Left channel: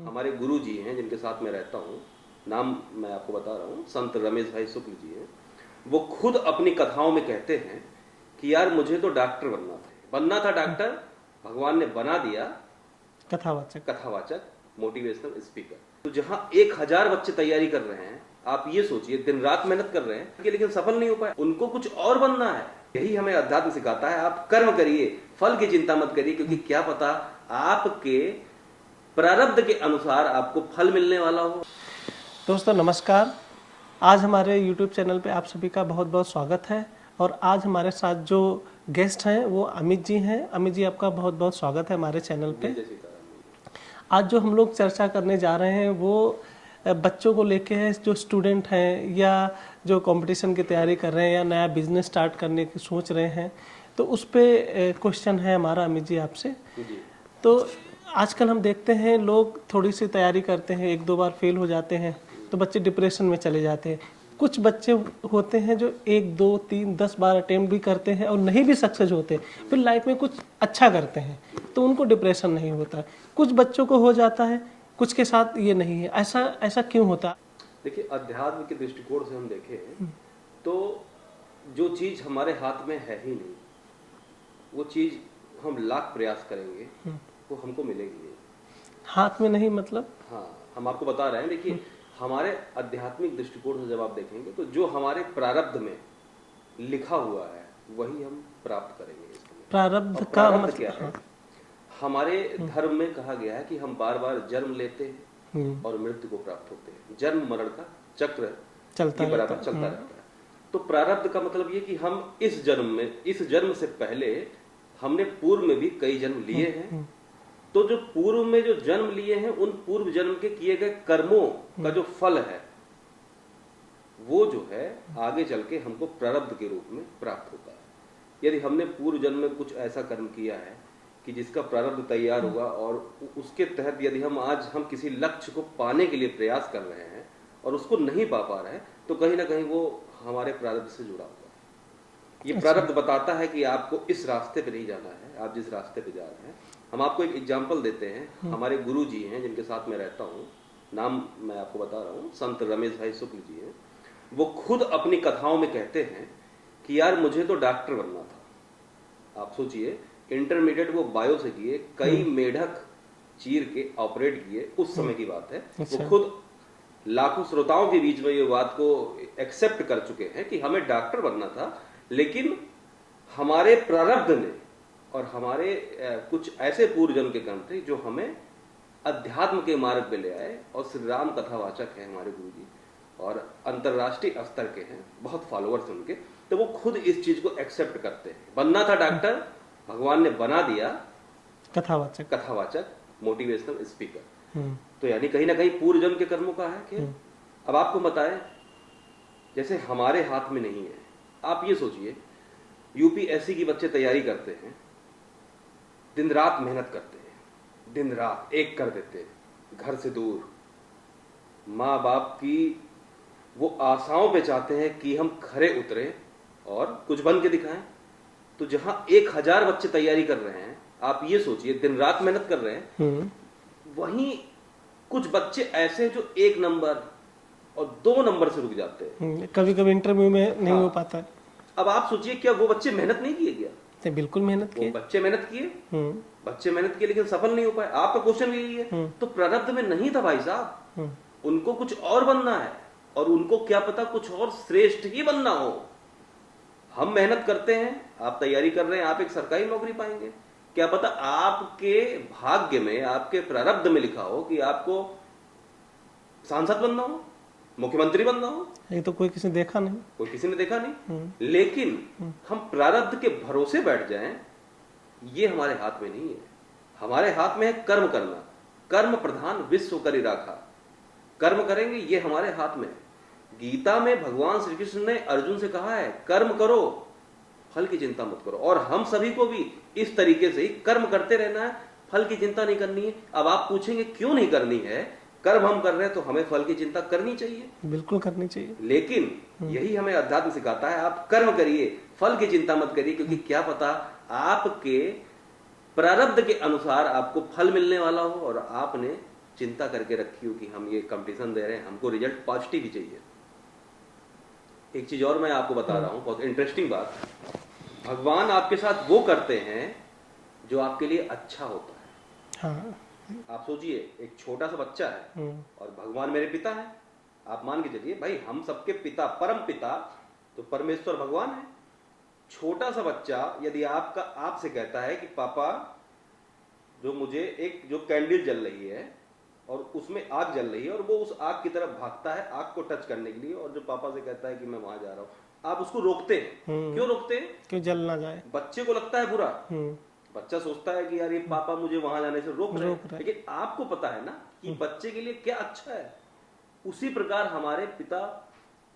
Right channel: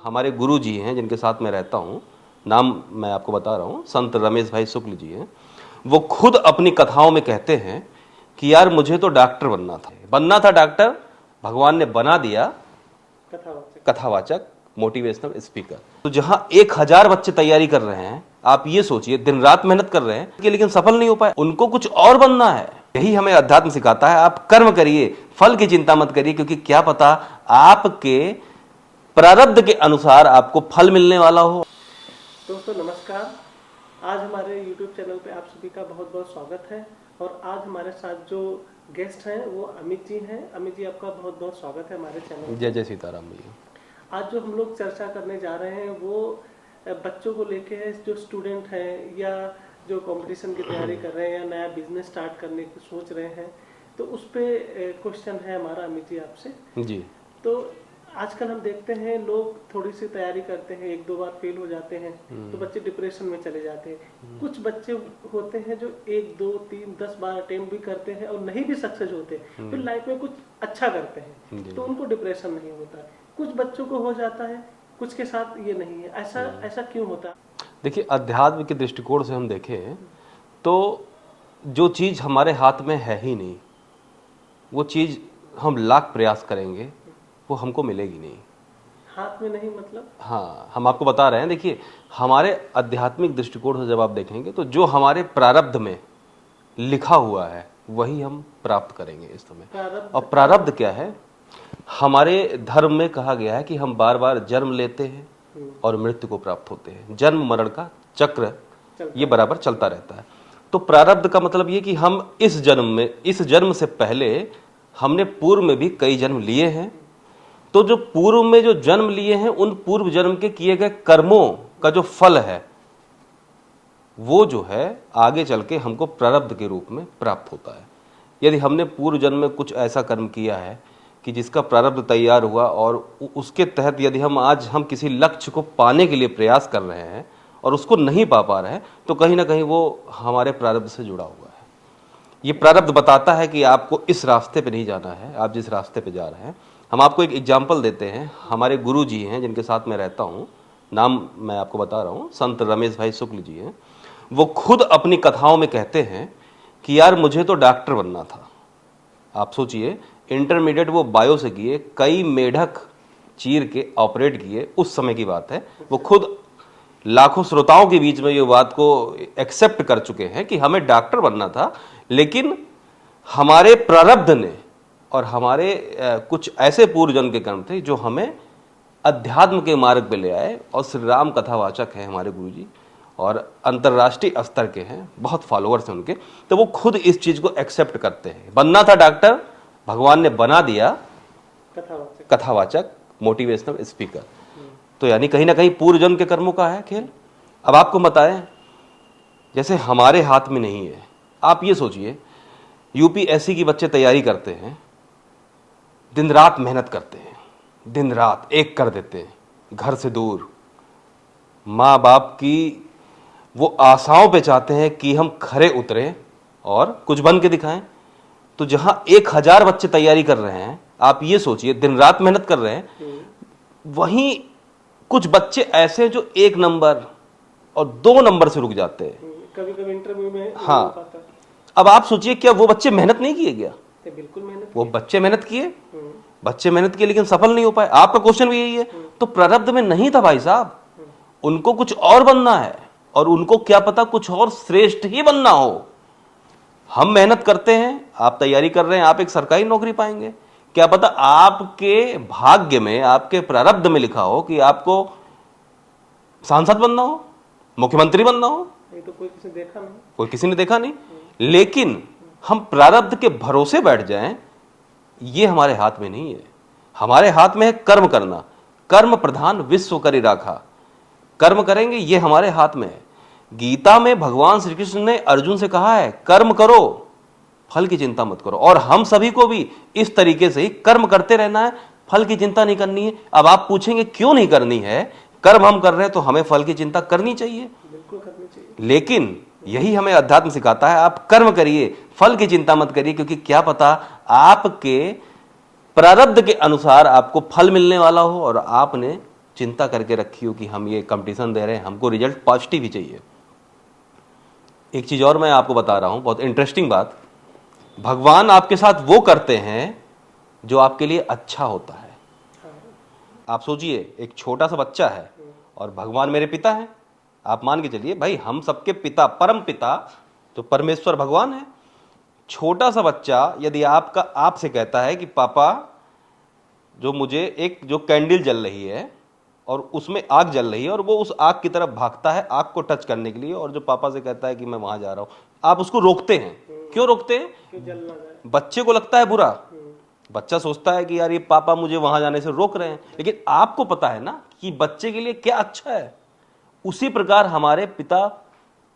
हमारे गुरु जी हैं जिनके साथ मैं रहता हूँ, नाम मैं आपको बता रहा हूँ, संत रमेश भाई शुक्ल जी हैं। वो खुद अपनी कथाओं में कहते हैं कि यार मुझे तो डॉक्टर बनना था डॉक्टर, भगवान ने बना दिया कथावाचक मोटिवेशनल स्पीकर। तो जहां 1000 बच्चे तैयारी कर रहे हैं, आप ये सोचिए दिन रात मेहनत कर रहे हैं लेकिन सफल नहीं हो पाए, उनको कुछ और बनना है। यही हमें अध्यात्म सिखाता है, आप कर्म करिए, फल की चिंता मत करिए, क्योंकि क्या पता आपके प्रारब्ध के अनुसार आपको फल मिलने वाला हो। दोस्तों नमस्कार। आज हमारे YouTube चैनल पे आप सभी का बहुत बहुत स्वागत है। और आज हमारे साथ जो गेस्ट हैं वो अमित जी हैं। अमित जी, आपका बहुत बहुत स्वागत है हमारे चैनल पे। जय जय सीताराम जी। आज जो हम लोग चर्चा करने जा रहे हैं वो बच्चों को लेके है, जो स्टूडेंट हैं या जो कंपटीशन की तैयारी कर रहे हैं या नया बिजनेस स्टार्ट करने की सोच रहे हैं, तो उस पर क्वेश्चन है हमारा अमित जी आपसे जी। तो आजकल हम देखते हैं लोग थोड़ी सी तैयारी करते हैं, 1-2 बार फेल हो जाते हैं तो बच्चे डिप्रेशन में चले जाते हैं। कुछ बच्चे होते हैं जो 1, 2, 3, 10 बार अटेम्प्ट भी करते हैं और नहीं भी सक्सेस होते, फिर लाइफ में कुछ अच्छा करते हैं तो उनको डिप्रेशन नहीं होता। कुछ बच्चों को हो जाता है, कुछ के साथ ये नहीं है। ऐसा क्यों होता? देखिए, अध्यात्म के दृष्टिकोण से हम देखें तो जो चीज़ हमारे हाथ में है ही नहीं, वो चीज़ हम लाख प्रयास करेंगे वो हमको मिलेगी नहीं। हाथ में नहीं मतलब? हाँ, हम आपको बता रहे हैं। देखिए, हमारे आध्यात्मिक दृष्टिकोण से जब आप देखेंगे तो जो हमारे प्रारब्ध में लिखा हुआ है वही हम प्राप्त करेंगे इस समय। प्रारब्ध और प्रारब्ध क्या है? हमारे धर्म में कहा गया है कि हम बार बार जन्म लेते हैं और मृत्यु को प्राप्त होते हैं। जन्म मरण का चक्र ये बराबर चलता रहता है। तो प्रारब्ध का मतलब ये कि हम इस जन्म से पहले हमने पूर्व में भी कई जन्म लिए हैं। तो जो पूर्व में जो जन्म लिए हैं उन पूर्व जन्म के किए गए कर्मों का जो फल है वो जो है आगे चल के हमको प्रारब्ध के रूप में प्राप्त होता है। यदि हमने पूर्व जन्म में कुछ ऐसा कर्म किया है कि जिसका प्रारब्ध तैयार हुआ और उसके तहत यदि हम किसी लक्ष्य को पाने के लिए प्रयास कर रहे हैं और उसको नहीं पा रहे हैं, तो कहीं ना कहीं वो हमारे प्रारब्ध से जुड़ा हुआ है। ये प्रारब्ध बताता है कि आपको इस रास्ते पे नहीं जाना है, आप जिस रास्ते पे जा रहे हैं। हम आपको एक एग्जाम्पल देते हैं। हमारे गुरु जी हैं जिनके साथ मैं रहता हूँ, नाम मैं आपको बता रहा हूँ, संत रमेश भाई शुक्ल जी हैं। वो खुद अपनी कथाओं में कहते हैं कि यार मुझे तो डॉक्टर बनना था। आप सोचिए, इंटरमीडिएट वो बायो से किए, कई मेढक चीर के ऑपरेट किए, उस समय की बात है। वो खुद लाखों श्रोताओं के बीच में ये बात को एक्सेप्ट कर चुके हैं कि हमें डॉक्टर बनना था, लेकिन हमारे प्रारब्ध ने और हमारे कुछ ऐसे पूर्व जन्म के कर्म थे जो हमें अध्यात्म के मार्ग पे ले आए। और श्री राम कथावाचक हैं हमारे गुरुजी और अंतर्राष्ट्रीय स्तर के हैं, बहुत फॉलोअर्स हैं उनके। तो वो खुद इस चीज को एक्सेप्ट करते हैं। बनना था डॉक्टर, भगवान ने बना दिया कथावाचक मोटिवेशनल स्पीकर। तो यानी कहीं ना कहीं पूर्व जन्म के कर्मों का है खेल। अब आपको बताएं, जैसे हमारे हाथ में नहीं है। आप ये सोचिए, यूपीएससी की बच्चे तैयारी करते हैं, दिन रात मेहनत करते हैं, दिन रात एक कर देते हैं, घर से दूर, माँ बाप की वो आशाओं पे चाहते हैं कि हम खरे उतरें और कुछ बन के दिखाएं। तो जहां 1000 बच्चे तैयारी कर रहे हैं, आप ये सोचिए दिन रात मेहनत कर रहे हैं, वहीं कुछ बच्चे ऐसे जो 1 नंबर और 2 नंबर से रुक जाते हैं। कभी कभी इंटरव्यू में नहीं हो पाता। अब आप सोचिए, क्या वो बच्चे मेहनत नहीं किए? गया बिल्कुल मेहनत वो बच्चे मेहनत किए लेकिन सफल नहीं हो पाए। आपका क्वेश्चन भी यही है। तो प्रारब्ध में नहीं था भाई साहब, उनको कुछ और बनना है और उनको क्या पता कुछ और श्रेष्ठ ही बनना हो। हम मेहनत करते हैं, आप तैयारी कर रहे हैं, आप एक सरकारी नौकरी पाएंगे, क्या पता आपके भाग्य में, आपके प्रारब्ध में लिखा हो कि आपको सांसद बनना हो, मुख्यमंत्री बनना हो। ये तो कोई किसी ने देखा नहीं। लेकिन हम प्रारब्ध के भरोसे बैठ जाएं, ये हमारे हाथ में नहीं है। हमारे हाथ में है कर्म करना। कर्म प्रधान विश्व करी राखा। कर्म करेंगे, ये हमारे हाथ में है। गीता में भगवान श्री कृष्ण ने अर्जुन से कहा है, कर्म करो, फल की चिंता मत करो। और हम सभी को भी इस तरीके से ही कर्म करते रहना है, फल की चिंता नहीं करनी है। अब आप पूछेंगे क्यों नहीं करनी है? कर्म हम कर रहे हैं तो हमें फल की चिंता करनी चाहिए, बिल्कुल करनी चाहिए। लेकिन यही हमें अध्यात्म सिखाता है, आप कर्म करिए, फल की चिंता मत करिए, क्योंकि क्या पता आपके प्रारब्ध के अनुसार आपको फल मिलने वाला हो और आपने चिंता करके रखी हो कि हम ये कंपटीशन दे रहे हैं, हमको रिजल्ट पॉजिटिव ही चाहिए। एक चीज और मैं आपको बता रहा हूं, बहुत इंटरेस्टिंग बात, भगवान आपके साथ वो करते हैं जो आपके लिए अच्छा होता है। हाँ। आप सोचिए, एक छोटा सा बच्चा है और भगवान मेरे पिता है। आप मान के चलिए भाई, हम सबके पिता, परम पिता तो परमेश्वर भगवान है। छोटा सा बच्चा यदि आपसे कहता है कि पापा, जो मुझे एक जो कैंडल जल रही है और उसमें आग जल रही है, और वो उस आग की तरफ भागता है आग को टच करने के लिए, और जो पापा से कहता है कि मैं वहां जा रहा हूं, आप उसको रोकते हैं। क्यों रोकते हैं? कि जल ना जाए। बच्चे को लगता है बुरा, बच्चा सोचता है कि यार ये पापा मुझे वहां जाने से रोक रहे हैं, लेकिन आपको पता है ना कि बच्चे के लिए क्या अच्छा है। उसी प्रकार हमारे पिता,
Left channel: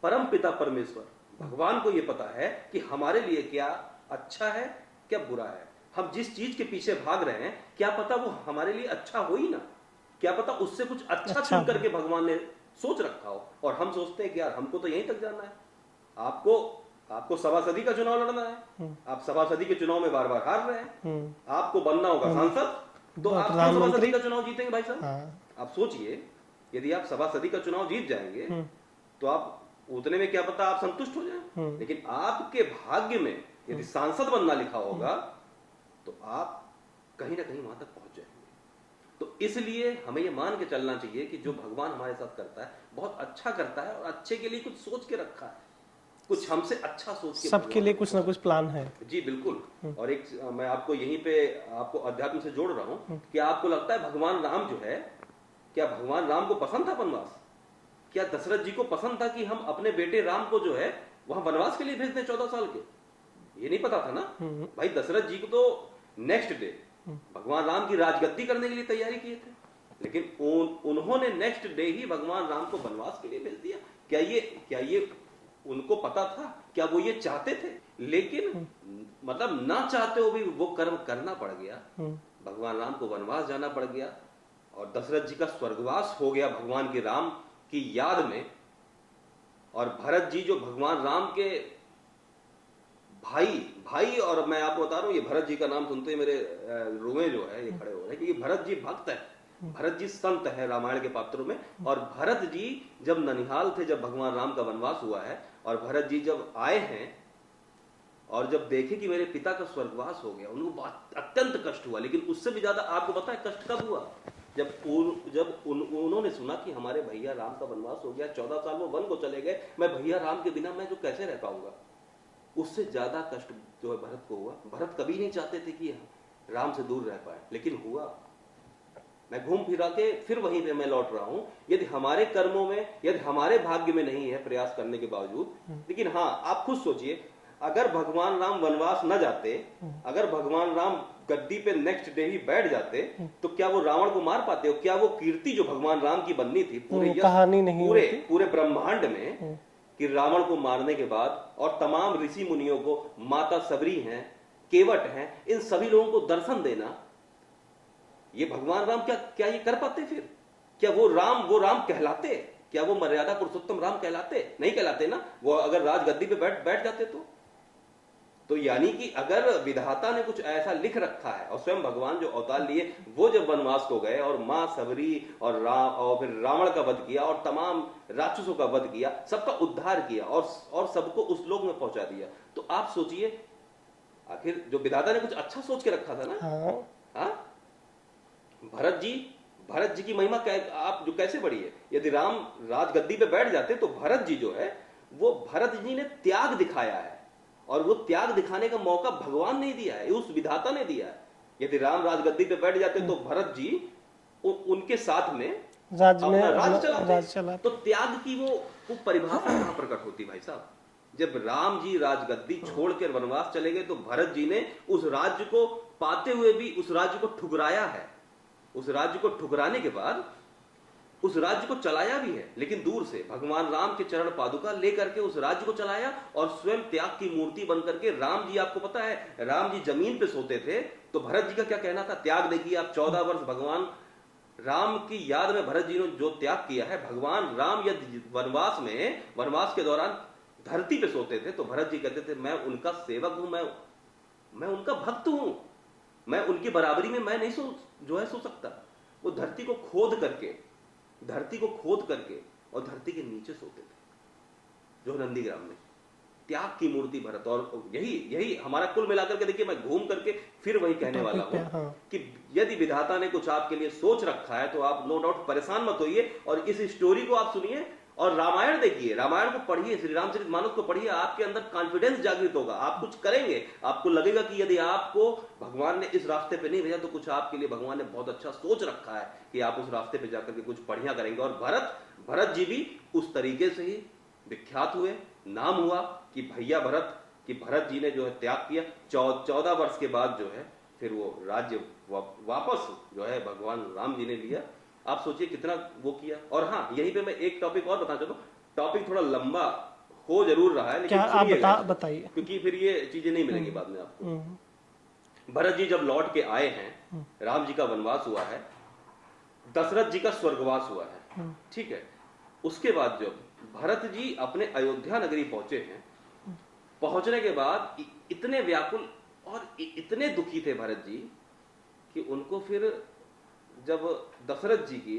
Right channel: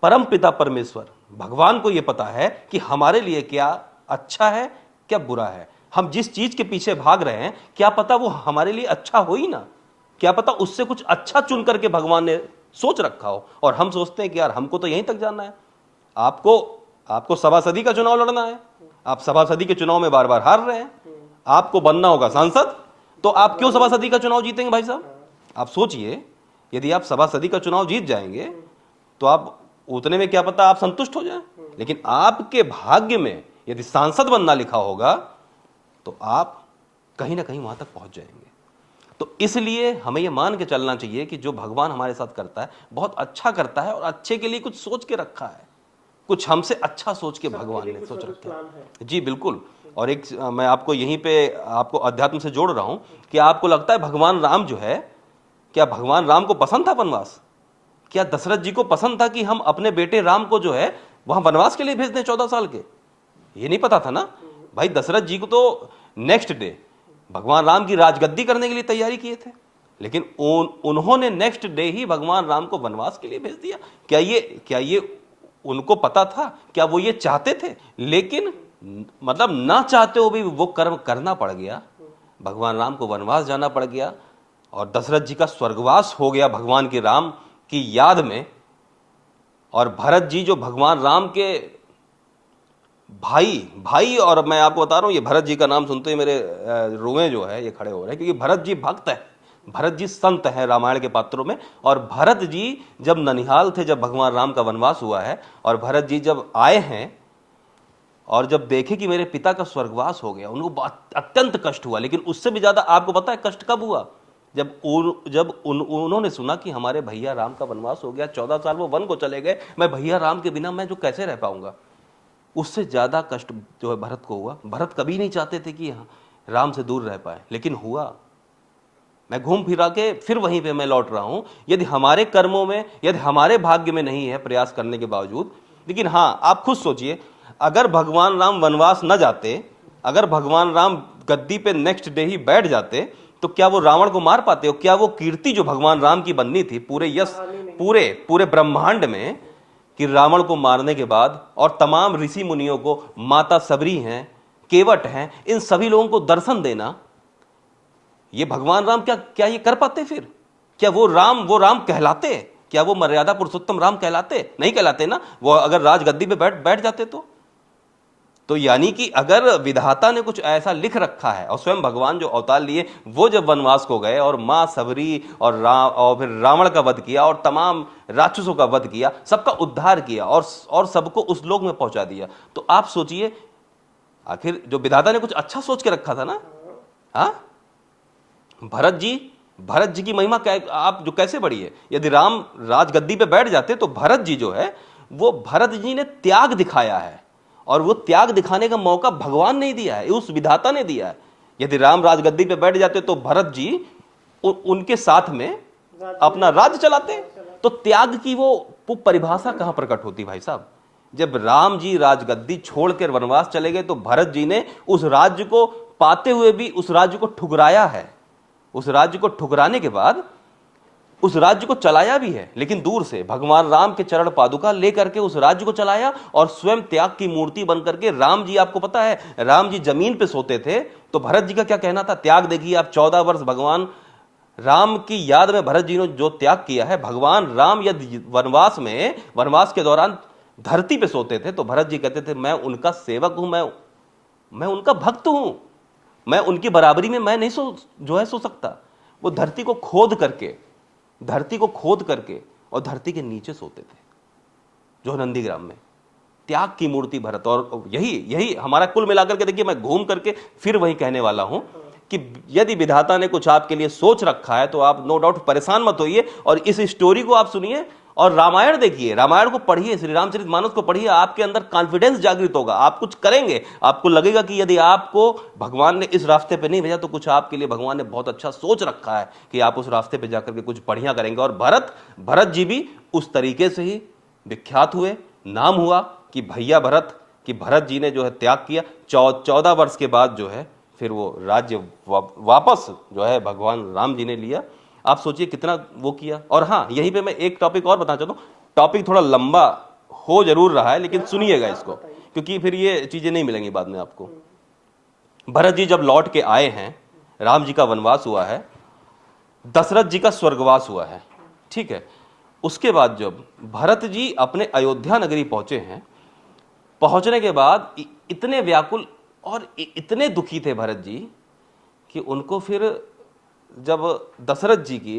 परम पिता परमेश्वर भगवान को ये पता है कि हमारे लिए क्या अच्छा है, क्या बुरा है। हम जिस चीज के पीछे भाग रहे हैं, क्या पता वो हमारे लिए अच्छा हो ही ना, क्या पता उससे कुछ अच्छा चुन करके भगवान ने सोच रखा हो, और हम सोचते हैं कि यार हमको तो यहीं तक जाना है। आपको सभासदी का चुनाव लड़ना है, आप सभासदी के चुनाव में बार बार हार रहे हैं। आपको बनना होगा सांसद, तो आप क्यों सभासदी का चुनाव जीतेंगे भाई साहब? आप सोचिए, यदि आप सभासदी का चुनाव जीत जाएंगे तो आप उतने में क्या पता आप संतुष्ट हो जाएं, लेकिन आपके भाग्य में यदि सांसद बनना लिखा होगा तो आप कहीं ना कहीं वहां तक पहुंच जाएंगे। तो इसलिए हमें यह मान के चलना चाहिए कि जो भगवान हमारे साथ करता है बहुत अच्छा करता है, और अच्छे के लिए कुछ सोच के रखा है, कुछ हमसे अच्छा सोच के सबके लिए कुछ ना कुछ प्लान है। जी बिल्कुल। और एक मैं आपको यहीं पे आपको अध्यात्म से जोड़ रहा हूं कि आपको लगता है भगवान राम जो है, क्या भगवान राम को पसंद था वनवास? क्या दशरथ जी को पसंद था कि हम अपने बेटे राम को जो है वहां वनवास के लिए भेज दें 14 साल के? ये नहीं पता था ना भाई। दशरथ जी को तो नेक्स्ट डे भगवान राम की राजगद्दी करने के लिए तैयारी किए थे, लेकिन उन्होंने नेक्स्ट डे ही भगवान राम को वनवास के लिए भेज दिया। क्या ये उनको पता था? क्या वो ये चाहते थे? लेकिन मतलब ना चाहते हो भी वो कर्म करना पड़ गया, भगवान राम को वनवास जाना पड़ गया, और दशरथ जी का स्वर्गवास हो गया भगवान के राम की याद में। और भरत जी जो भगवान राम के भाई, और मैं आपको बता रहा हूं, ये भरत जी का नाम सुनते ही मेरे रोए जो है ये खड़े हो रहे हैं, क्योंकि भरत जी भक्त है, भरत जी संत है रामायण के पात्रों में। और भरत जी जब ननिहाल थे, जब भगवान राम का वनवास हुआ है, और भरत जी जब आए हैं और जब देखे कि मेरे पिता का स्वर्गवास हो गया, उनको अत्यंत कष्ट हुआ। लेकिन उससे भी ज्यादा आपको पता है कष्ट कब हुआ? जब उन्होंने सुना कि हमारे भैया राम का वनवास हो गया, 14 साल वो वन को चले गए, मैं भैया राम के बिना मैं जो कैसे रह पाऊंगा। उससे ज्यादा कष्ट जो है भरत को हुआ। भरत कभी नहीं चाहते थे कि राम से दूर रह पाए, लेकिन हुआ। मैं घूम फिरा के फिर वहीं पे मैं लौट रहा हूं। यदि हमारे कर्मों में, यदि हमारे भाग्य में नहीं है प्रयास करने के बावजूद, लेकिन हां आप खुद सोचिए, अगर भगवान राम वनवास न जाते, अगर भगवान राम गद्दी पे नेक्स्ट डे ही बैठ जाते, तो क्या वो रावण को मार पाते? और क्या वो कीर्ति जो भगवान राम की बननी थी पूरे यश, पूरे ब्रह्मांड में, कि रावण को मारने के बाद और तमाम ऋषि मुनियों को, माता सबरी हैं, केवट हैं, इन सभी लोगों को दर्शन देना, ये भगवान राम क्या ये कर पाते? फिर क्या वो राम कहलाते? क्या वो मर्यादा पुरुषोत्तम राम कहलाते? नहीं कहलाते ना। वो अगर राजगद्दी पे बैठ जाते तो यानी कि अगर विधाता ने कुछ ऐसा लिख रखा है, और स्वयं भगवान जो अवतार लिए वो जब वनवास को गए और मां सबरी और फिर रावण का वध किया और तमाम राक्षसों का वध किया, सबका उद्धार किया और सबको उस लोक में पहुंचा दिया, तो आप सोचिए आखिर जो विधाता ने कुछ अच्छा सोच के रखा था ना। हाँ, भरत जी की महिमा आप जो कैसे बड़ी है। यदि राम राजगद्दी पे बैठ जाते तो भरत जी जो है, वो भरत जी ने त्याग दिखाया है, और वो त्याग दिखाने का मौका भगवान ने दिया है, उस विधाता ने दिया है। यदि राम राजगद्दी पे बैठ जाते तो भरत जी उनके साथ में अपना राज्य चलाते। तो त्याग की वो परिभाषा कहां प्रकट होती भाई साहब? जब राम जी राजगद्दी छोड़कर वनवास चले गए तो भरत जी ने उस राज्य को पाते हुए भी उस राज्य को ठुकराया है। उस राज्य को ठुकराने के बाद उस राज्य को चलाया भी है, लेकिन दूर से भगवान राम के चरण पादुका लेकर के उस राज्य को चलाया, और स्वयं त्याग की मूर्ति बनकर के राम जी, आपको पता है राम जी जमीन पे सोते थे, तो भरत जी का क्या कहना था? त्याग देखिए आप, 14 वर्ष भगवान राम की याद में भरत जी ने जो त्याग किया है। भगवान राम यदि वनवास के दौरान धरती पे सोते थे तो भरत जी कहते थे मैं उनका सेवक हूं, मैं उनका भक्त हूं, मैं उनकी बराबरी में मैं नहीं सो सकता। वो धरती को खोद करके और धरती के नीचे सोते थे, जो नंदीग्राम में। त्याग की मूर्ति भरत। और यही हमारा कुल मिलाकर के, देखिए मैं घूम करके फिर वही कहने वाला हूं कि यदि विधाता ने कुछ आपके लिए सोच रखा है तो आप नो डाउट परेशान मत होइए और इस स्टोरी को आप सुनिए और रामायण देखिए, रामायण को पढ़िए, श्री रामचरितमानस को पढ़िए। आपके अंदर कॉन्फिडेंस जागृत होगा, आप कुछ करेंगे, आपको लगेगा कि यदि आपको भगवान ने इस रास्ते पे नहीं भेजा तो कुछ आपके लिए भगवान ने बहुत अच्छा सोच रखा है कि आप उस रास्ते पे जाकर के कुछ बढ़िया करेंगे। और भरत जी भी उस तरीके से ही विख्यात हुए, नाम हुआ कि भैया भरत, कि भरत जी ने जो है त्याग किया। 14 वर्ष के बाद जो है फिर वो राज्य वापस जो है भगवान राम जी ने लिया। आप सोचिए कितना वो किया। और हाँ, यहीं पे मैं एक टॉपिक और बताना चाहता हूँ, टॉपिक थोड़ा लंबा हो जरूर रहा है लेकिन सुनिएगा इसको, क्योंकि फिर ये चीजें नहीं मिलेंगी बाद में आपको। भरत जी जब लौट के आए हैं, राम जी का वनवास हुआ है, दशरथ जी का स्वर्गवास हुआ है, ठीक है। उसके बाद जब भरत जी अपने अयोध्या नगरी पहुंचे हैं, पहुंचने के बाद इतने व्याकुल और इतने दुखी थे भरत जी कि उनको फिर जब दशरथ जी की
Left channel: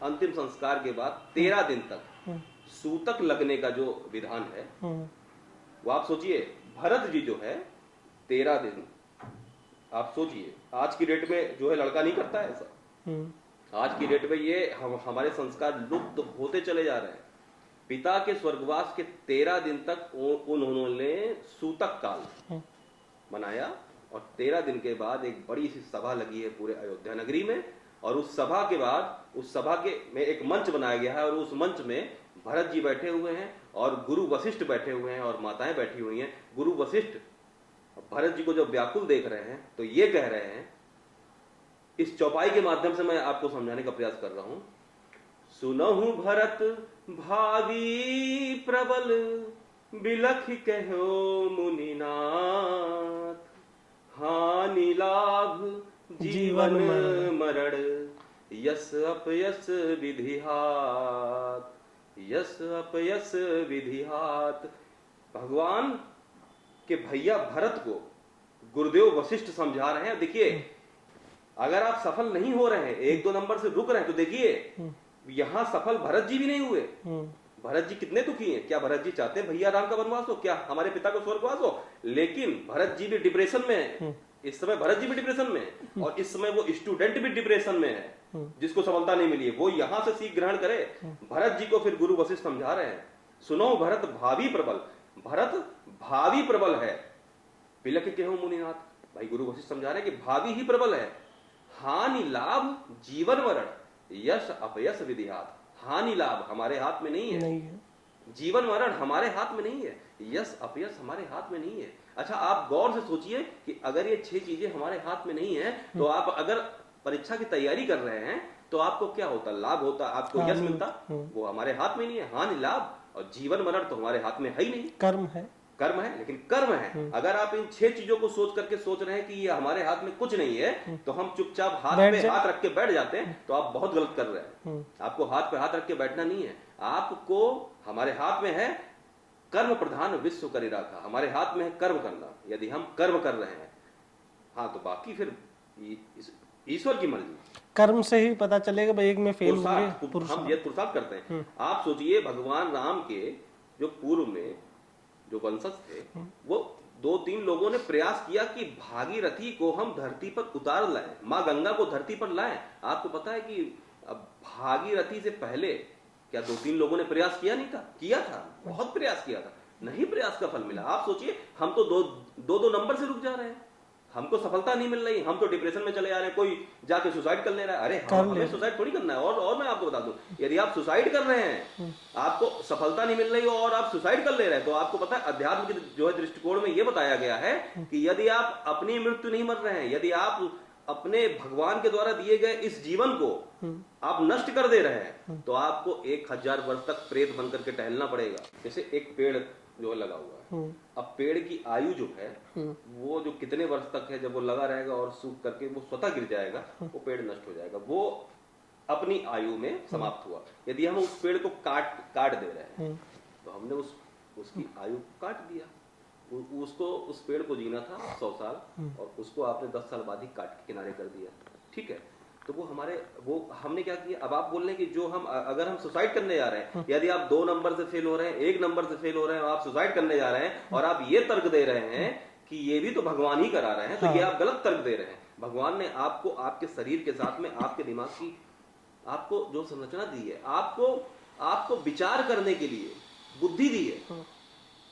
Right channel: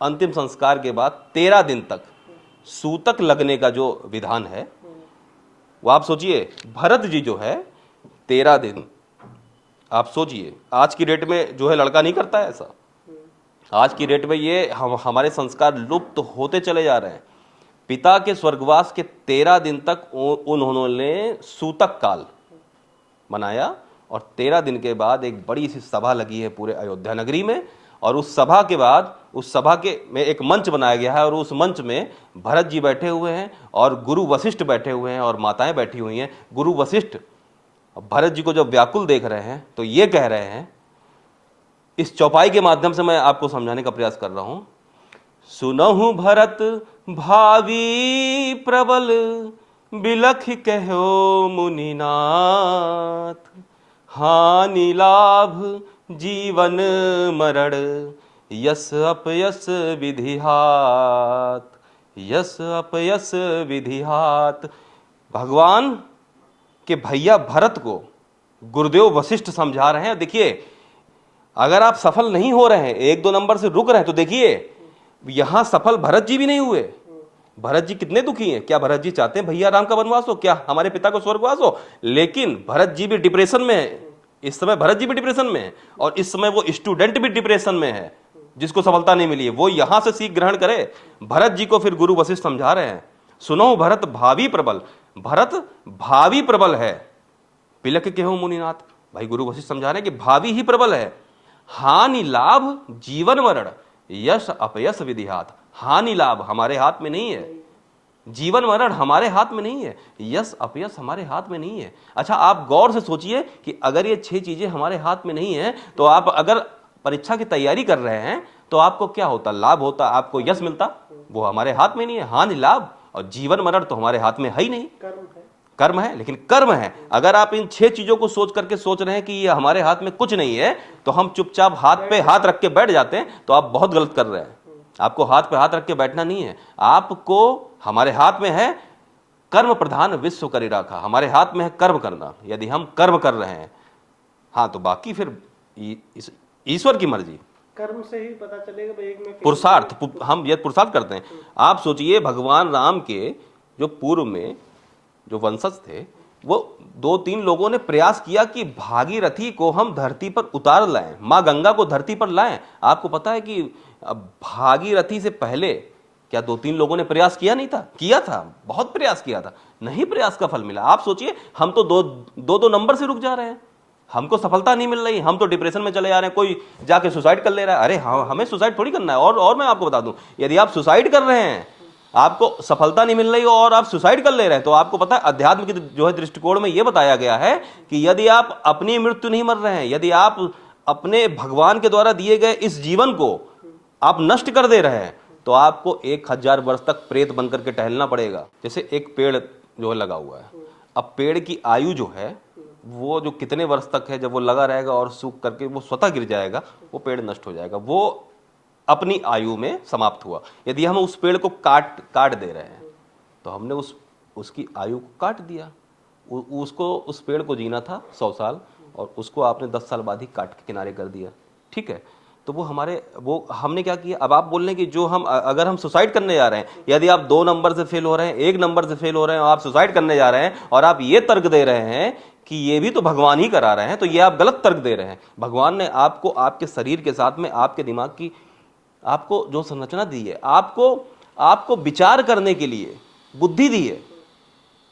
अंतिम संस्कार के बाद 13 दिन तक सूतक लगने का जो विधान है, वो आप सोचिए, भरत जी जो है 13 दिन, आप सोचिए आज की डेट में जो है लड़का नहीं करता है ऐसा। आज की डेट में ये हमारे संस्कार लुप्त होते चले जा रहे हैं। पिता के स्वर्गवास के 13 दिन तक उन्होंने सूतक काल मनाया और 13 दिन के बाद एक बड़ी सी सभा लगी है पूरे अयोध्या नगरी में। और उस सभा के बाद उस सभा के में एक मंच बनाया गया है और उस मंच में भरत जी बैठे हुए हैं और गुरु वशिष्ठ बैठे हुए हैं और माताएं बैठी हुई हैं। गुरु वशिष्ठ भरत जी को जब व्याकुल देख रहे हैं तो ये कह रहे हैं, इस चौपाई के माध्यम से मैं आपको समझाने का प्रयास कर रहा हूं। सुनहु भरत भावी प्रबल, बिलख कहो मुनिनाथ, हानि लाभ जीवन मरण, यस अपयस विधिहात, यस अपयस विधिहात। भगवान के भैया भरत को गुरुदेव वशिष्ठ समझा रहे हैं, देखिए अगर आप सफल नहीं हो रहे हैं, 1-2 नंबर से रुक रहे हैं, तो देखिए यहां सफल भरत जी भी नहीं हुए। भरत जी कितने दुखी हैं। क्या भरत जी चाहते हैं भैया राम का वनवास हो, क्या हमारे पिता को स्वर्गवास हो? लेकिन भरत जी भी डिप्रेशन में है इस समय, भरत जी भी डिप्रेशन में है और इस समय वो स्टूडेंट भी डिप्रेशन में है जिसको सफलता नहीं मिली है। वो यहां से सीख ग्रहण करे। भरत जी को फिर गुरु वशिष्ठ समझा रहे हैं, सुनो भरत भावी प्रबल, भरत भावी प्रबल है, पिलक के हो मुनिनाथ। भाई गुरु वशिष्ठ समझा रहे हैं कि भावी ही प्रबल है। हानि लाभ जीवन मरण, यश अपयश विधिहात। हानि लाभ हमारे हाथ में नहीं है, जीवन मरण हमारे हाथ में नहीं है, यश अपयश हमारे हाथ में नहीं है। अच्छा, आप गौर से सोचिए कि अगर ये 6 चीजें हमारे हाथ में नहीं है तो आप अगर परीक्षा की तैयारी कर रहे हैं तो आपको क्या होता? लाभ होता, आपको यश मिलता। वो हमारे हाथ में नहीं है। हानि लाभ और जीवन मरण तो हमारे हाथ में है ही नहीं। कर्म है, लेकिन कर्म है। अगर आप इन 6 चीजों को सोच करके सोच रहे हैं कि ये हमारे हाथ में कुछ नहीं है, तो हम चुपचाप हाथ पे हाथ रख के बैठ जाते हैं, तो आप बहुत गलत कर रहे हैं। आपको हाथ पे हाथ रख के बैठना नहीं है। आपको, हमारे हाथ में है कर्म प्रधान विश्व करी राखा, हमारे हाथ में है कर्म करना। यदि हम कर्म कर रहे हैं, हाँ, तो बाकी फिर ईश्वर की मर्जी। कर्म से ही पता चलेगा भाई, एक में पुरुषार्थ, हम ये पुरुषार्थ करते हैं। आप सोचिए भगवान राम के जो पूर्व में जो वंशज थे, वो 2-3 लोगों ने प्रयास किया कि भागीरथी को हम धरती पर उतार लाएं, मां गंगा को धरती पर लाएं। आपको पता है कि भागीरथी से पहले क्या 2-3 लोगों ने प्रयास किया नहीं था? किया था, बहुत प्रयास किया था, नहीं प्रयास का फल मिला। आप सोचिए, हम तो 2-2 नंबर से रुक जा रहे हैं, हमको सफलता नहीं मिल रही, हम तो डिप्रेशन में चले जा रहे हैं। कोई जाके सुसाइड कर ले रहा है। अरे हाँ, हमें सुसाइड थोड़ी करना है। और मैं आपको बता दूं, यदि आप सुसाइड कर रहे हैं, आपको सफलता नहीं मिल रही और आप सुसाइड कर ले रहे हैं, तो आपको पता है अध्यात्म की जो है दृष्टिकोण में यह बताया गया है कि यदि आप अपनी मृत्यु नहीं मर रहे हैं, यदि आप अपने भगवान के द्वारा दिए गए इस जीवन को आप नष्ट कर दे रहे हैं, तो आपको 1000 वर्ष तक प्रेत बनकर के टहलना पड़ेगा। जैसे एक पेड़ जो है लगा हुआ है, अब पेड़ की आयु जो है वो जो कितने वर्ष तक है, जब वो लगा रहेगा और सूख करके वो स्वतः गिर जाएगा, वो पेड़ नष्ट हो जाएगा, वो अपनी आयु में समाप्त हुआ। यदि हम उस पेड़ को काट दे रहे हैं, तो हमने उसकी आयु को काट दिया। उसको, उस पेड़ को जीना था 100 साल और उसको आपने 10 साल बाद ही काट के किनारे कर दिया। ठीक है, तो वो हमारे वो हमने क्या किया, अब आप बोल रहे हैं कि जो हम अगर हम सुसाइड करने जा रहे हैं, यदि आप 2 नंबर से फेल हो रहे हैं, 1 नंबर से फेल हो रहे हैं और आप सुसाइड करने जा रहे हैं और आप ये तर्क दे रहे हैं कि ये भी तो भगवान ही करा रहे हैं, तो ये आप गलत तर्क दे रहे हैं। भगवान ने आपको आपके शरीर के साथ में आपके दिमाग की आपको जो संरचना दी है, आपको विचार करने के लिए बुद्धि दी है।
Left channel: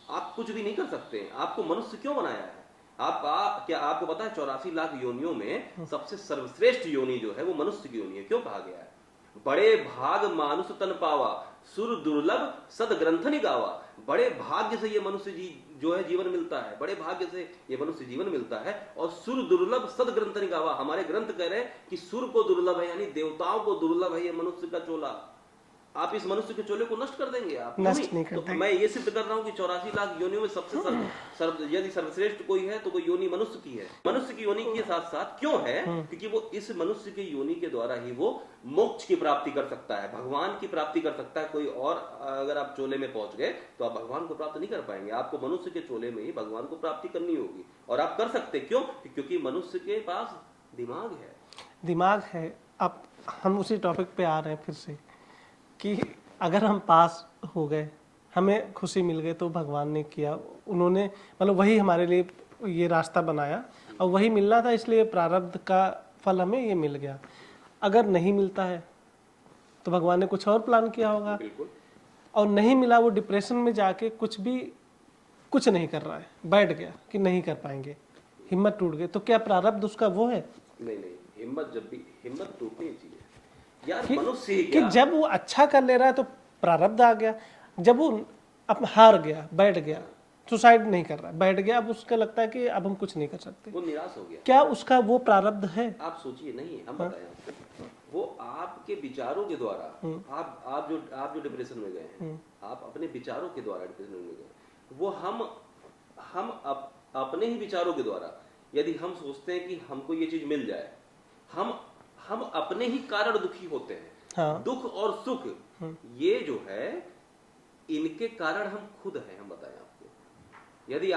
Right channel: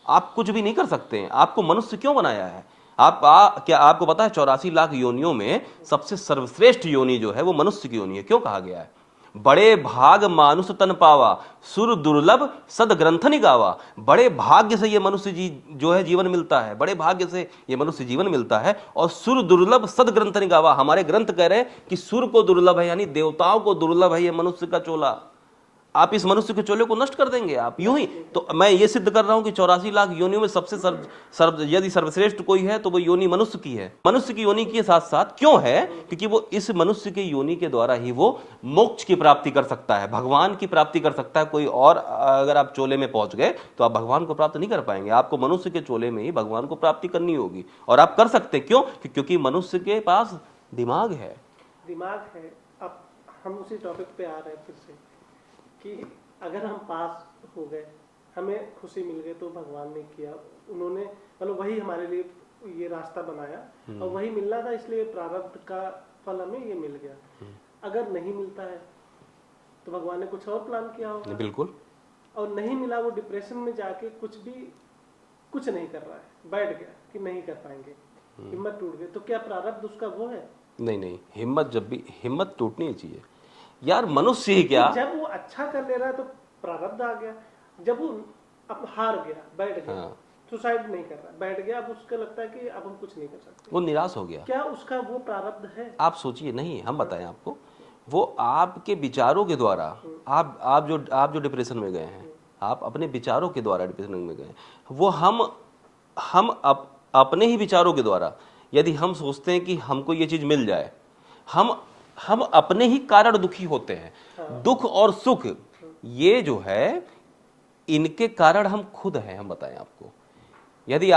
आप कुछ भी नहीं कर सकते हैं। आपको मनुष्य क्यों बनाया है? क्या आपको पता है 84 लाख योनियों में सबसे सर्वश्रेष्ठ योनि जो है वो मनुष्य की योनि है। क्यों कहा गया है? बड़े भाग मानुष तन पावा, सुर दुर्लभ सद ग्रंथ निगावा। बड़े भाग्य से ये मनुष्य जो है जीवन मिलता है, बड़े भाग्य से ये मनुष्य जीवन मिलता है। और सुर दुर्लभ सद ग्रंथ निगावा, हमारे ग्रंथ कह रहे हैं कि सुर को दुर्लभ है, यानी देवताओं को दुर्लभ है ये मनुष्य का चोला। आप इस मनुष्य के चोले को नष्ट कर देंगे आप यूं ही। तो मैं ये सिद्ध कर रहा हूं कि 84 लाख योनियों में सबसे यदि सर्वश्रेष्ठ कोई है तो वो योनि मनुष्य की है। मनुष्य की योनि के साथ साथ क्यों है? क्योंकि वो इस मनुष्य के योनि के द्वारा ही वो मोक्ष की प्राप्ति कर सकता है, भगवान की प्राप्ति कर सकता है। कोई और अगर आप चोले में पहुंच गए तो आप भगवान को प्राप्त नहीं कर पाएंगे। आपको मनुष्य के चोले में ही भगवान को प्राप्ति करनी होगी, और आप कर सकते। क्यों? क्योंकि मनुष्य के पास दिमाग है। अब हम उसी टॉपिक पे आ रहे हैं फिर से कि अगर हम पास हो गए, हमें खुशी मिल गई, तो भगवान ने किया, उन्होंने मतलब वही हमारे लिए ये रास्ता बनाया और वही मिलना था, इसलिए प्रारब्ध का फल हमें ये मिल गया। अगर नहीं मिलता है तो भगवान ने कुछ और प्लान किया होगा। बिल्कुल। और नहीं मिला, वो डिप्रेशन में जाके कुछ नहीं कर रहा है, बैठ गया कि नहीं कर पाएंगे, हिम्मत टूट गई, तो क्या प्रारब्ध उसका वो है? नहीं, हिम्मत टूटनी चाहिए यार। मनुष्य ही क्या, जब वो अच्छा कर ले रहा है तो प्रारब्ध आ गया। जब वो अब हार गया, बैठ गया, सुसाइड नहीं कर रहा, बैठ गया, अब उसका लगता है कि अब हम कुछ नहीं कर सकते, वो निराश हो गया, क्या उसका वो प्रारब्ध है? आप सोचिए। नहीं, हम बताएं आपको, वो आपके विचारों के द्वारा, आप जो डिप्रेशन में गए हैं, आप अपने विचारों के द्वारा डिप्रेशन में गए। वो हम अपने ही विचारों के द्वारा, यदि हम सोचते हैं कि हमको ये चीज मिल जाए, हम अपने ही कारण दुखी होते हैं। हाँ। दुख और सुख ये जो है, इनके कारण हम खुद हैं। हम बताएं आपको, यदि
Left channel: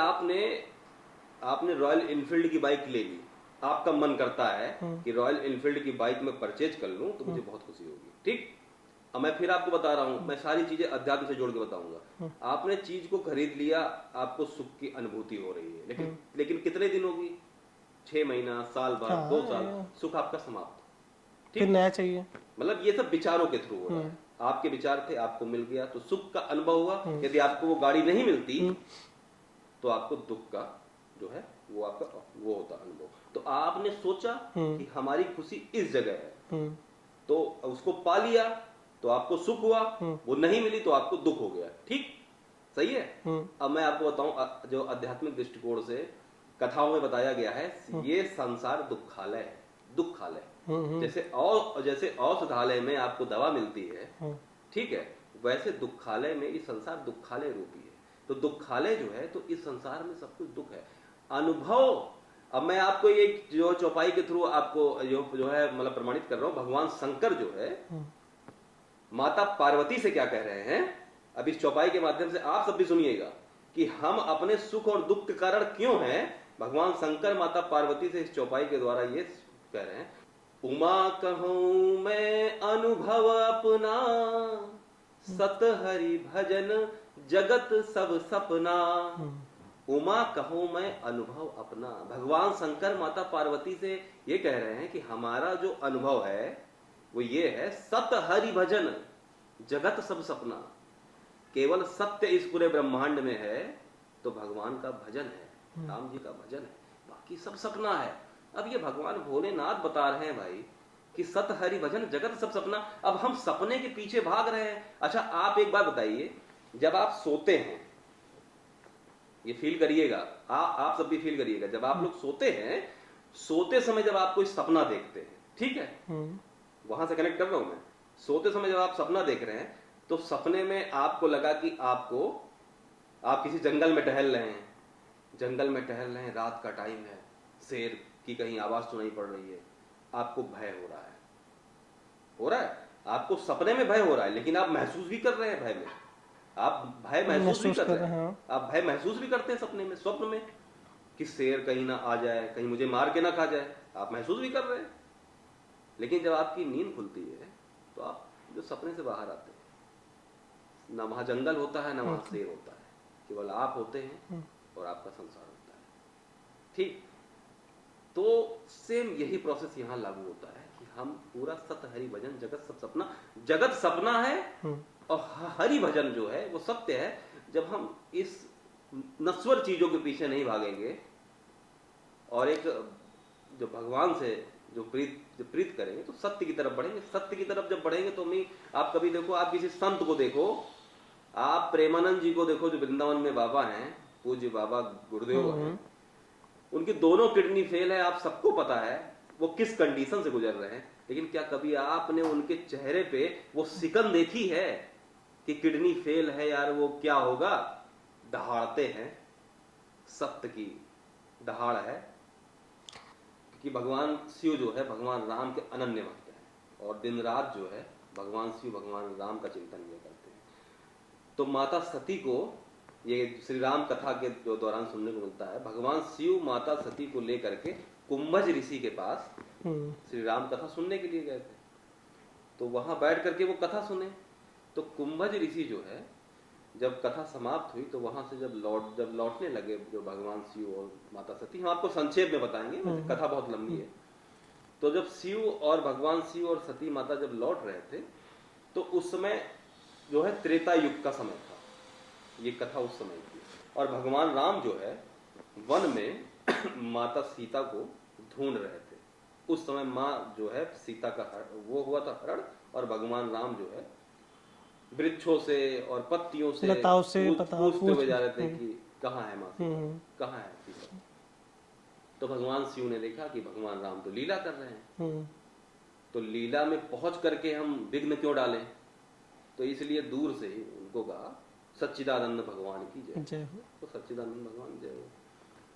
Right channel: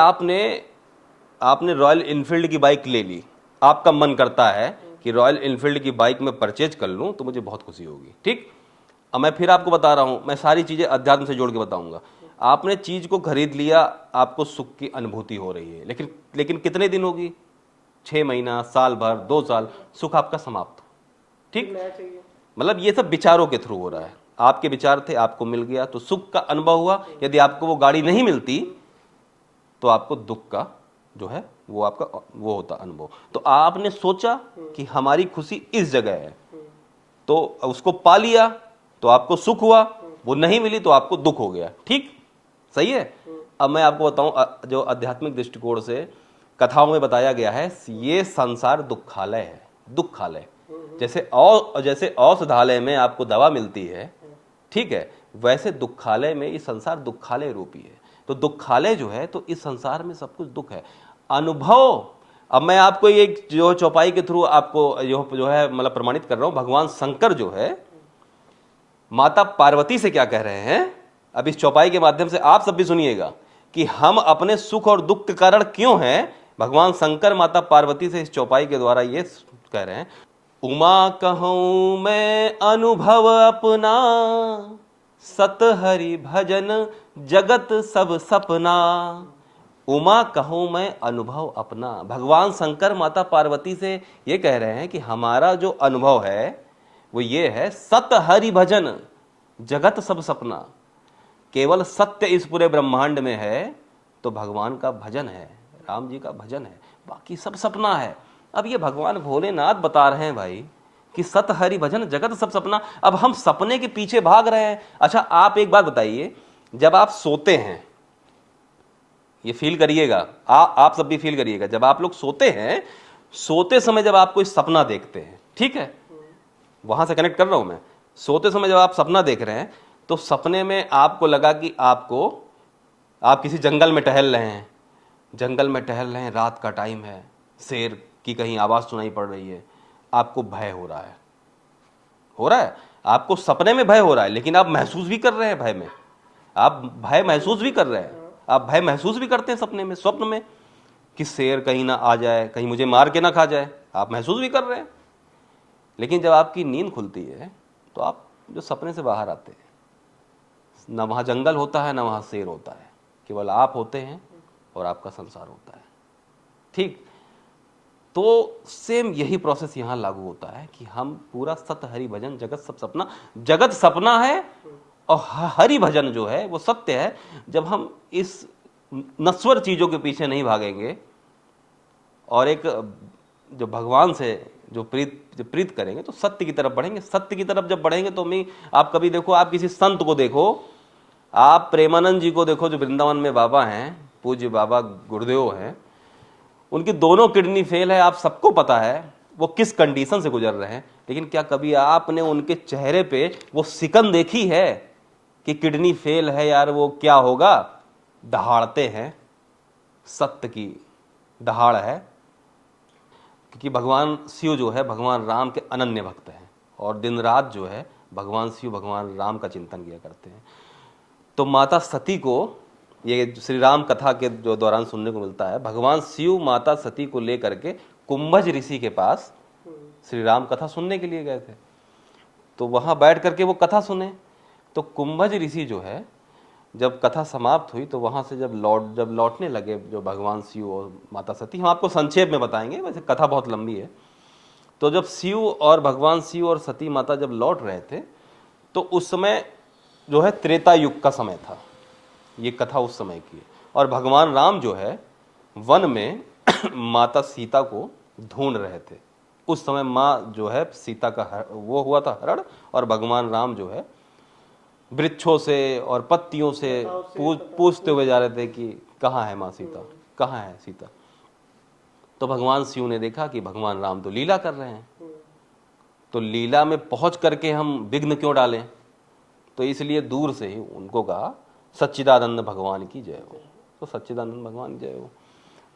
आपने रॉयल इनफील्ड की बाइक ले ली, आपका मन करता है कि रॉयल इनफील्ड की बाइक में परचेज कर लूं तो मुझे बहुत खुशी होगी, ठीक। अब मैं फिर आपको बता रहा हूं, मैं सारी चीजें अध्यात्म से जोड़ के बताऊंगा। आपने चीज को खरीद लिया, आपको सुख की अनुभूति हो रही है, लेकिन कितने दिन होगी? 6 महीना, साल भर, 2 साल, सुख आपका समाप्त, ठीक। नया चाहिए। मतलब ये सब विचारों के थ्रू हो रहा है। आपके विचार थे, आपको मिल गया तो सुख का अनुभव हुआ। यदि आपको वो गाड़ी नहीं मिलती तो आपको दुख का जो है वो आपका वो होता अनुभव। तो आपने सोचा कि हमारी खुशी इस जगह है, तो उसको पा लिया तो आपको सुख हुआ, वो नहीं मिली तो आपको दुख हो गया, ठीक, सही है। अब मैं आपको बताऊं, जो आध्यात्मिक दृष्टिकोण से कथाओं में बताया गया है, ये संसार दुखालय है, दुखालय। जैसे औषधालय में आपको दवा मिलती है, ठीक है, वैसे दुखालय में ये संसार दुखालय रूपी है। तो दुखालय जो है, तो इस संसार में सब कुछ दुख है। अनुभव, अब मैं आपको ये जो चौपाई के थ्रू आपको जो है मतलब प्रमाणित कर रहा हूं, भगवान शंकर जो है माता पार्वती से क्या कह रहे हैं, अब इस चौपाई के माध्यम से आप सब भी सुनिएगा कि हम अपने सुख और दुख के कारण क्यों हैं। भगवान शंकर माता पार्वती से इस चौपाई के द्वारा ये कह रहे हैं, उमा कहूं मैं अनुभव अपना, सत हरि भजन जगत सब सपना। उमा कहूं मैं अनुभव अपना। भगवान शंकर माता पार्वती से ये कह रहे हैं कि हमारा जो अनुभव है वो ये है, सत हरि भजन जगत सब सपना। केवल सत्य इस पूरे ब्रह्मांड में है तो भगवान का भजन है, राम जी का भजन है, बाकी सब सपना है। अब ये भगवान भोलेनाथ बता रहे हैं भाई कि सत हरि भजन जगत सब सपना। अब हम सपने के पीछे भाग रहे हैं। अच्छा, आप एक बात बताइए, जब आप सोते हैं, ये फील करिएगा, आप सब भी फील करिएगा, जब आप लोग सोते हैं, सोते समय जब आप कोई सपना देखते हैं, ठीक है, वहां से कनेक्ट कर रहा हूं मैं, सोते समय जब आप सपना देख रहे हैं तो सपने में आपको लगा कि आप किसी जंगल में टहल रहे हैं, रात का टाइम है, शेर की कहीं आवाज सुनाई पड़ रही है, आपको भय हो रहा है, आपको सपने में भय हो रहा है, लेकिन आप महसूस भी कर रहे हैं भय में, आप भय महसूस भी कर रहे हैं, आप भय महसूस भी करते हैं सपने में, स्वप्न में, कि शेर कहीं ना आ जाए, कहीं मुझे मार के ना खा जाए, आप महसूस भी कर रहे हैं। लेकिन जब आपकी नींद खुलती है तो आप जो सपने से बाहर आते हैं, ना वहाँ जंगल होता है ना वहाँ शेर होता है, केवल आप होते हैं और आपका संसार होता है। ठीक, तो सेम यही प्रोसेस यहाँ लागू होता है कि हम पूरा सत हरि भजन जगत सब सपना, जगत सपना है और हरि भजन जो है वो सत्य है। जब हम इस नश्वर चीजों के पीछे नहीं भागेंगे और एक जो भगवान से जो प्रीत करेंगे तो सत्य की तरफ बढ़ेंगे। सत्य की तरफ जब बढ़ेंगे तो आप कभी देखो, आप किसी संत को देखो, आप प्रेमानंद जी को देखो जो वृंदावन में बाबा हैं, पूज्य बाबा गुरुदेव हैं, उनकी दोनों किडनी फेल है, आप सबको पता है वो किस कंडीशन से गुजर रहे हैं। लेकिन क्या कभी आपने उनके चेहरे पे वो सिकन देखी है कि किडनी फेल है यार, वो क्या होगा? दहाड़ते हैं, सत्य की दहाड़ है। क्योंकि भगवान शिव जो है भगवान राम के अनन्य भक्त हैं और दिन रात जो है भगवान शिव भगवान राम का चिंतन किया करते हैं। तो माता सती को ये श्री राम कथा के जो दौरान सुनने को मिलता है, भगवान शिव माता सती को लेकर के कुंभज ऋषि के पास श्री राम कथा सुनने के लिए गए थे। तो वहां बैठ करके वो कथा सुने। तो कुंभज ऋषि जो है जब कथा समाप्त हुई तो वहां से जब लौटने लगे जो भगवान शिव और माता सती, हम आपको संक्षेप में बताएंगे, वैसे कथा बहुत लंबी है। तो जब शिव और भगवान शिव और सती माता जब लौट रहे थे तो उस समय जो है त्रेता युग का समय था, ये कथा उस समय की। और भगवान राम जो है वन में माता सीता को ढूंढ रहे थे। उस समय माँ जो है सीता का वो हुआ था हरण, और भगवान राम जो है वृक्षों से और पत्तियों से पूछते हुए जा रहे थे कि कहाँ है माँ सीता, कहाँ है सीता। तो भगवान शिव ने देखा कि भगवान राम तो लीला कर रहे हैं, तो लीला में पहुंच करके हम विघ्न क्यों डालें। तो इसलिए दूर से ही उनको कहा सच्चिदानंद भगवान की जय हो। तो सच्चिदानंद भगवान की जय हो।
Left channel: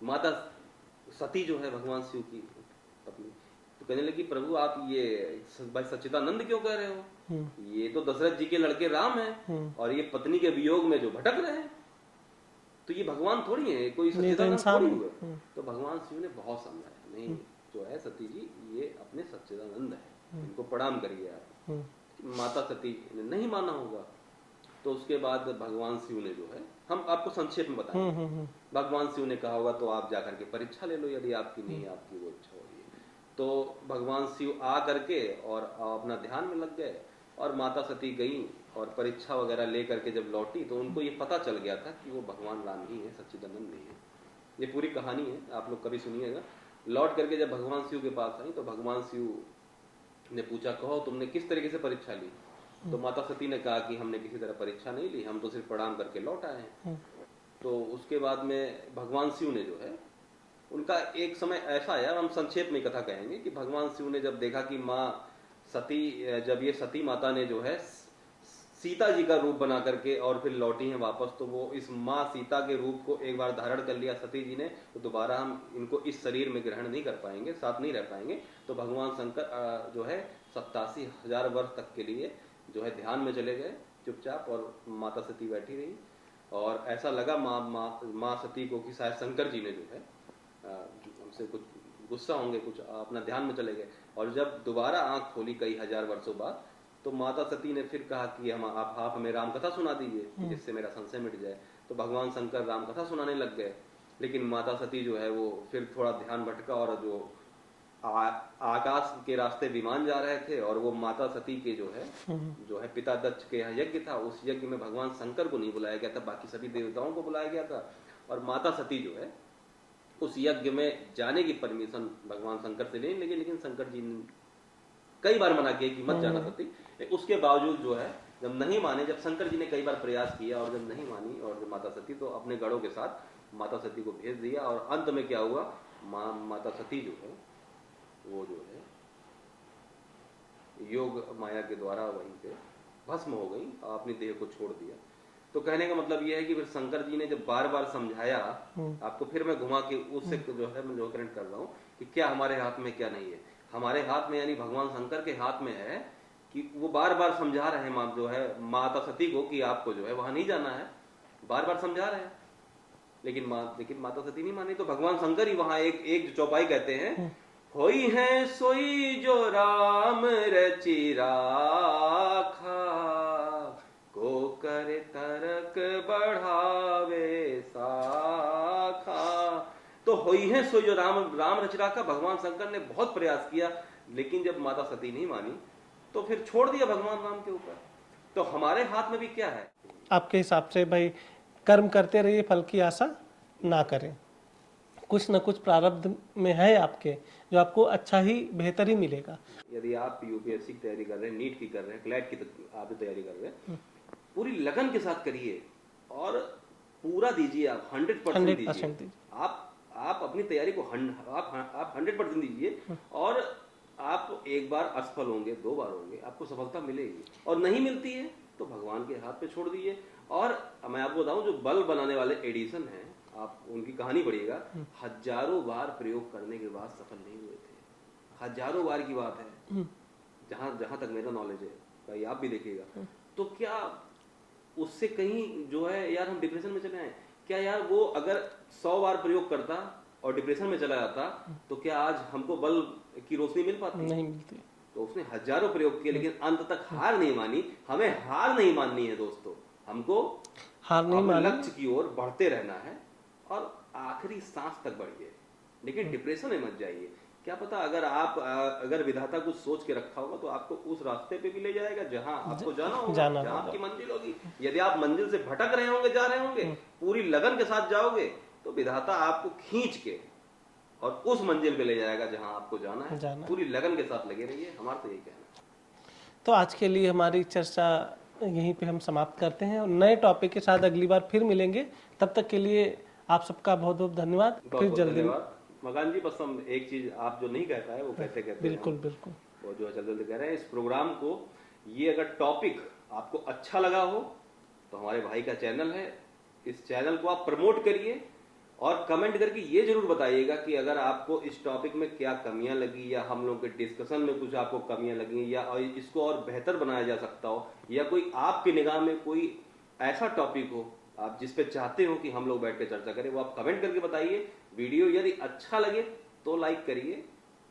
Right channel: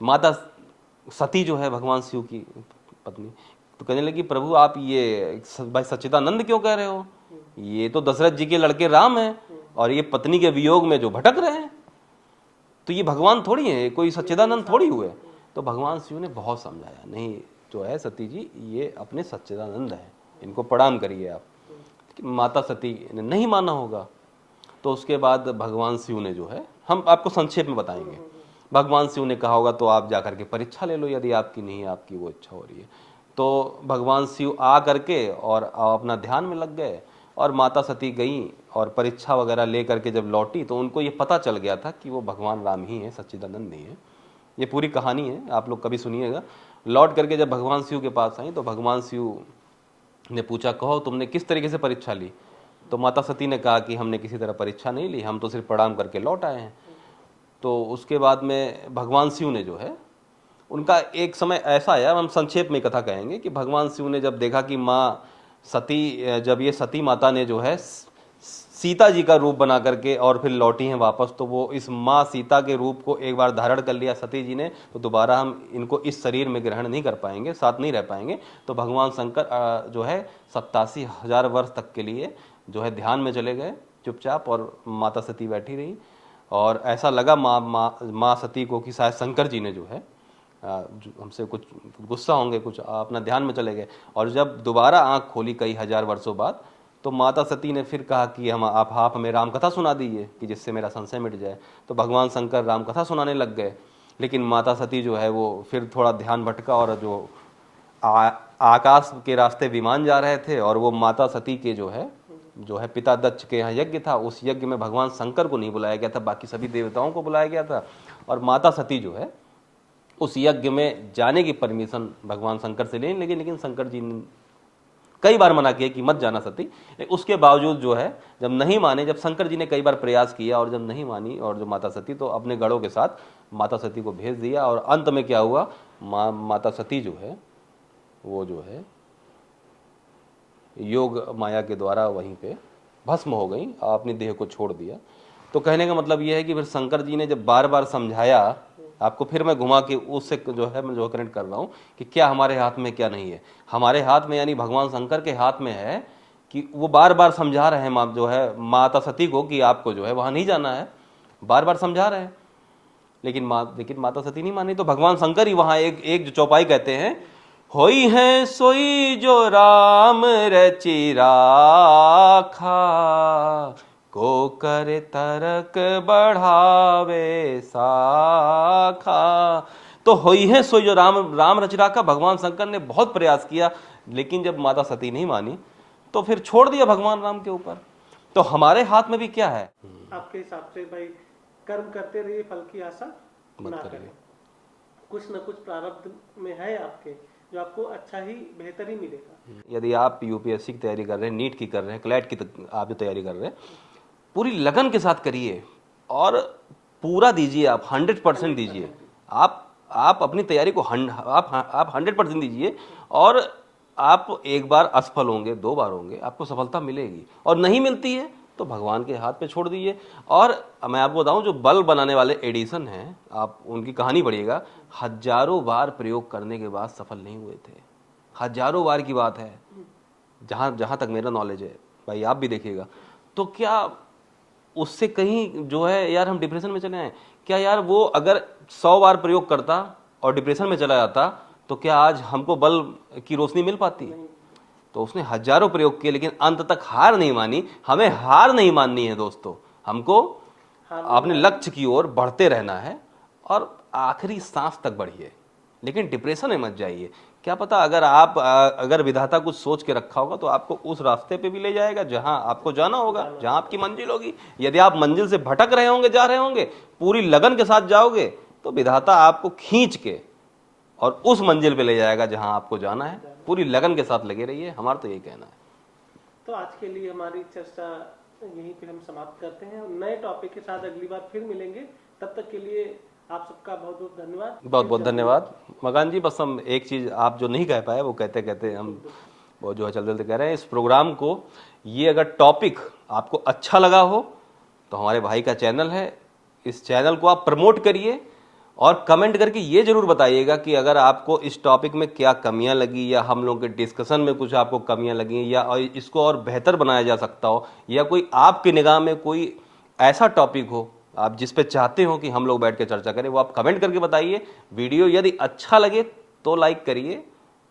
माता सती जो है भगवान शिव की पत्नी, तो कहने लगी प्रभु आप ये भाई सच्चिदानंद क्यों कह रहे हो, ये तो दशरथ जी के लड़के राम हैं और ये पत्नी के वियोग में जो भटक रहे हैं, तो ये भगवान थोड़ी है, कोई सच्चिदानंद थोड़ी हुए। तो भगवान शिव ने बहुत समझाया, नहीं जो है सती जी ये अपने सच्चिदानंद है, इनको प्रणाम करिए आप। माता सती ने नहीं माना होगा। तो उसके बाद भगवान शिव ने जो है, हम आपको संक्षेप में बताएंगे, भगवान शिव ने कहा होगा तो आप जाकर के परीक्षा ले लो, यदि आपकी नहीं आपकी वो इच्छा हो रही है। तो भगवान शिव आ करके और अपना ध्यान में लग गए और माता सती गई और परीक्षा वगैरह ले करके जब लौटी तो उनको ये पता चल गया था कि वो भगवान राम ही है, सच्चिदानंद नहीं है। ये पूरी कहानी है, आप लोग कभी सुनिएगा। लौट करके जब भगवान शिव के पास आई तो भगवान शिव ने पूछा कहो तुमने किस तरीके से परीक्षा ली। तो माता सती ने कहा कि हमने किसी तरह परीक्षा नहीं ली, हम तो सिर्फ प्रणाम करके लौट आए हैं। तो उसके बाद में भगवान शिव ने जो है, उनका एक समय ऐसा आया, हम संक्षेप में कथा कहेंगे, कि भगवान शिव ने जब देखा कि माँ सती, जब ये सती माता ने जो है सीता जी का रूप बना करके और फिर लौटी हैं वापस, तो वो इस माँ सीता के रूप को एक बार धारण कर लिया सती जी ने, तो दोबारा हम इनको इस शरीर में ग्रहण नहीं कर पाएंगे, साथ नहीं रह पाएंगे। तो भगवान शंकर जो है 87,000 वर्ष तक के लिए जो है ध्यान में चले गए चुपचाप, और माता सती बैठी रही। और ऐसा लगा माँ सती को कि शायद शंकर जी ने जो है हमसे कुछ गुस्सा होंगे, कुछ अपना ध्यान में चले गए। और जब दोबारा आंख खोली कई हजार वर्षों बाद, तो माता सती ने फिर कहा कि आप हमें राम कथा सुना दीजिए कि जिससे मेरा संशय मिट जाए। तो भगवान शंकर राम कथा सुनाने लग गए। लेकिन माता सती जो है वो फिर थोड़ा ध्यान भटका, और जो आकाश के रास्ते विमान जा रहे थे, और वो माता सती के जो है पिता दक्ष के यहाँ यज्ञ था, उस यज्ञ में भगवान शंकर को नहीं बुलाया गया था, बाकी सभी देवताओं को बुलाया गया था। और माता सती जो है उस यज्ञ में जाने की परमिशन भगवान शंकर से लेने लगे, लेकिन शंकर जी ने कई बार मना किया कि मत जाना सती। उसके बावजूद जो है जब नहीं माने, जब शंकर जी ने कई बार प्रयास किया और जब नहीं मानी और जो माता सती, तो अपने गढ़ों के साथ माता सती को भेज दिया। और अंत में क्या हुआ, माता सती जो है वो जो है योग माया के द्वारा वहीं पे भस्म हो गई, अपनी देह को छोड़ दिया। तो कहने का मतलब यह है कि फिर शंकर जी ने जब बार बार समझाया, आपको फिर मैं घुमा के उससे जो है मैं जो कनेक्ट कर रहा हूँ कि क्या हमारे हाथ में क्या नहीं है। हमारे हाथ में यानी भगवान शंकर के हाथ में है कि वो बार बार समझा रहे हैं जो है माता सती को कि आपको जो है वहां नहीं जाना है, बार बार समझा रहे हैं। लेकिन माता सती नहीं मानी। तो भगवान शंकर ही वहां एक जो चौपाई कहते हैं, होई है सोई जो राम रचि राखा, को कर तरक बढ़ावे साखा। तो होई है सोई जो राम रचि राखा, भगवान शंकर ने बहुत प्रयास किया, लेकिन जब माता सती नहीं मानी तो फिर छोड़ दिया भगवान राम के ऊपर। तो हमारे हाथ में भी क्या है? आपके हिसाब से भाई कर्म करते रहिए, फल की आशा ना करें। कुछ न कुछ प्रारब्ध में है आपके, जो आपको अच्छा ही बेहतर ही मिलेगा। यदि आप यूपीएससी की तैयारी कर रहे हैं, नीट की कर रहे हैं, क्लैट की आप जो तैयारी कर रहे हैं, पूरी लगन के साथ करिए और पूरा दीजिए, आप 100% दीजिए। आप अपनी तैयारी को आप 100% दीजिए, और आप एक बार असफल होंगे, 2 बार होंगे, आपको सफलता मिलेगी, और नहीं मिलती है तो भगवान के हाथ पे छोड़ दीजिए। और मैं आपको बताऊं, जो बल्ब बनाने वाले एडिसन हैं, आप उनकी कहानी पढ़िएगा, हजारों बार प्रयोग करने के बाद सफल नहीं हुए थे। हजारों बार की बात है, जहां तक मेरा नॉलेज है, भाई आप भी देखिएगा। तो क्या उससे कहीं जो है यार हम डिप्रेशन में चले आए क्या? यार वो अगर 100 बार प्रयोग करता और डिप्रेशन में चला जाता, तो क्या आज हमको बल्ब की रोशनी मिल पाती? नहीं मिलती। तो उसने हजारों प्रयोग किए, लेकिन अंत तक हार नहीं मानी। हमें हार नहीं माननी है दोस्तों, हमको अपने लक्ष्य की ओर बढ़ते रहना है, और आखिरी सांस तक बढ़िए, लेकिन डिप्रेशन में मत जाइए। क्या पता अगर विधाता कुछ सोच के रखा होगा तो आपको उस रास्ते पे भी ले जाएगा जहां आपको जाना होगा, जहां आपकी मंजिल होगी। यदि आप मंजिल से भटक रहे होंगे, जा रहे होंगे, पूरी लगन के साथ जाओगे, तो विधाता आपको खींच के और उस मंजिल पे ले जाएगा जहां आपको जाना है। पूरी लगन के साथ लगे रहिए, हमारा तो यही कहना है। तो आज के लिए हमारी चर्चा यहीं पे हम समाप्त करते हैं, और नए टॉपिक के साथ अगली बार फिर मिलेंगे। तब तक के लिए आप सबका बहुत बहुत धन्यवाद। बहुत बहुत धन्यवाद मकान जी। बस हम एक चीज आप जो नहीं कह पाए वो कहते हम वो जो है चलते कह रहे हैं, इस प्रोग्राम को, ये अगर टॉपिक आपको अच्छा लगा हो तो हमारे भाई का चैनल है, इस चैनल को आप प्रमोट करिए, और कमेंट करके ये जरूर बताइएगा कि अगर आपको इस टॉपिक में क्या कमियां लगी, या हम लोग के डिस्कशन में कुछ आपको कमियां लगी, या इसको और बेहतर बनाया जा सकता हो, या कोई आपकी निगाह में कोई ऐसा टॉपिक हो आप जिस पे चाहते हो कि हम लोग बैठ के चर्चा करें, वो आप कमेंट करके बताइए। वीडियो यदि अच्छा लगे तो लाइक करिए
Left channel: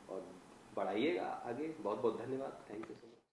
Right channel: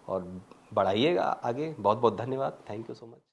और बढ़ाइएगा आगे। बहुत बहुत धन्यवाद। Thank you so much.